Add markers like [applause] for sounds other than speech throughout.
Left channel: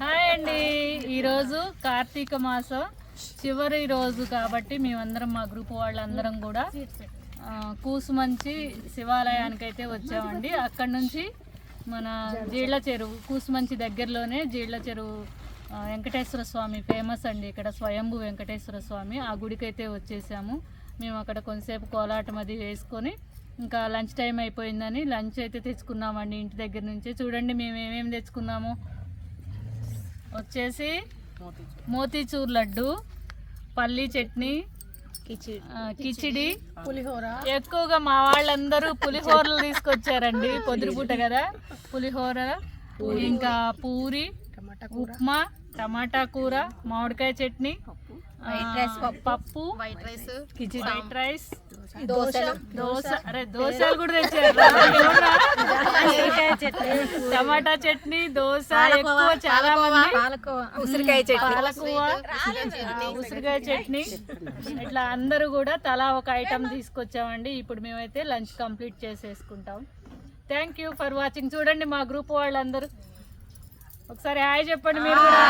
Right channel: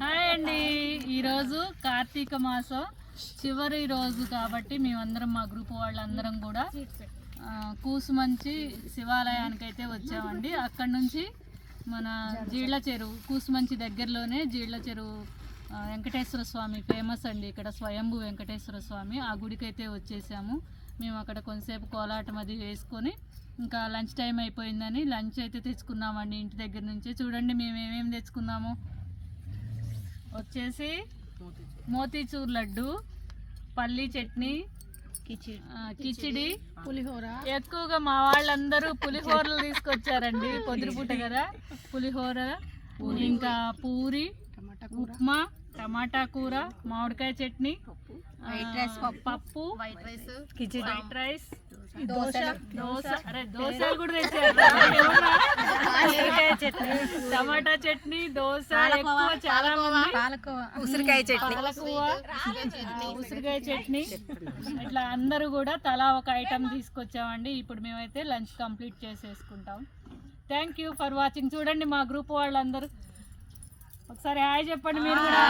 Hi అండి. ఈరోజు కార్తీక మాసం. చివరి రోజు కాబట్టి మేమందరం మా గ్రూప్ వాళ్ళందరం కూడా కూసుమంచి శివాలయానికి అయితే వచ్చామండి. అక్కడ నుంచి మన జీళ్ళ చెరువు కూసుమంచి దగ్గరలోనే జీళ్ళ చెరువు వెంకటేశ్వర స్వామి ఫేమస్ అండి. ఇక్కడ స్వయంభు వెంకటేశ్వర స్వామి ఆ గుడికైతే వచ్చేసాము. మేము అక్కడ కొంతసేపు కోలాటం అది వేసుకొని ఇంకా లంచ్ టైం అయిపోయిందని లంచ్ అయితే తెచ్చుకున్నామండి ఇంటి దగ్గర నుంచి. చూడండి మేము ఏమేమి తెచ్చుకున్నాము. వచ్చేసి మోతీచూర్. లడ్డు పల్లీ చట్నీ కిచిడి. పులిహోర. ఎక్కువగా మా వాళ్ళందరూ పులిహోరలు తీసుకొచ్చారండి [laughs] పొద్దురుపూట కదా. పులిహోర ఇంకా పూరి ఉప్మా టమాటా కూర మామిడికాయ చట్నీ పప్పు. White rice khichdi. White rice dosa. Dosa. అరే దోశ కూడా తెచ్చారు. [laughs] టమాటా చట్నీ దోశ ఎక్కువ చాలా మంది. ఉసిరికాయ పాలకువ. ఉసిరికాయ చట్నీ. ఇట్లా అందరూ కూడా తలా ఒక ఐటమ్ తీసుకొచ్చామండి. ఇప్పుడు మేమైతే లంచ్ కంప్లీట్ చేసేసుకుంటాం. థ్యాంక్ యూ ఫర్ వాచింగ్ చూడండి మా గ్రూప్ వాళ్ళందరూ. ఒకసారి హాయ్ చెప్పండి మీరు కూడా.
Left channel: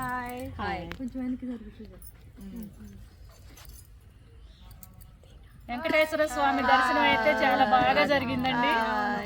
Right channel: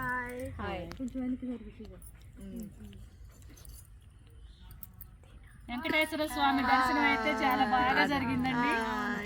హాయ్. వెంకటేశ్వర స్వామి దర్శనం అయితే చాలా బాగా జరిగిందండి.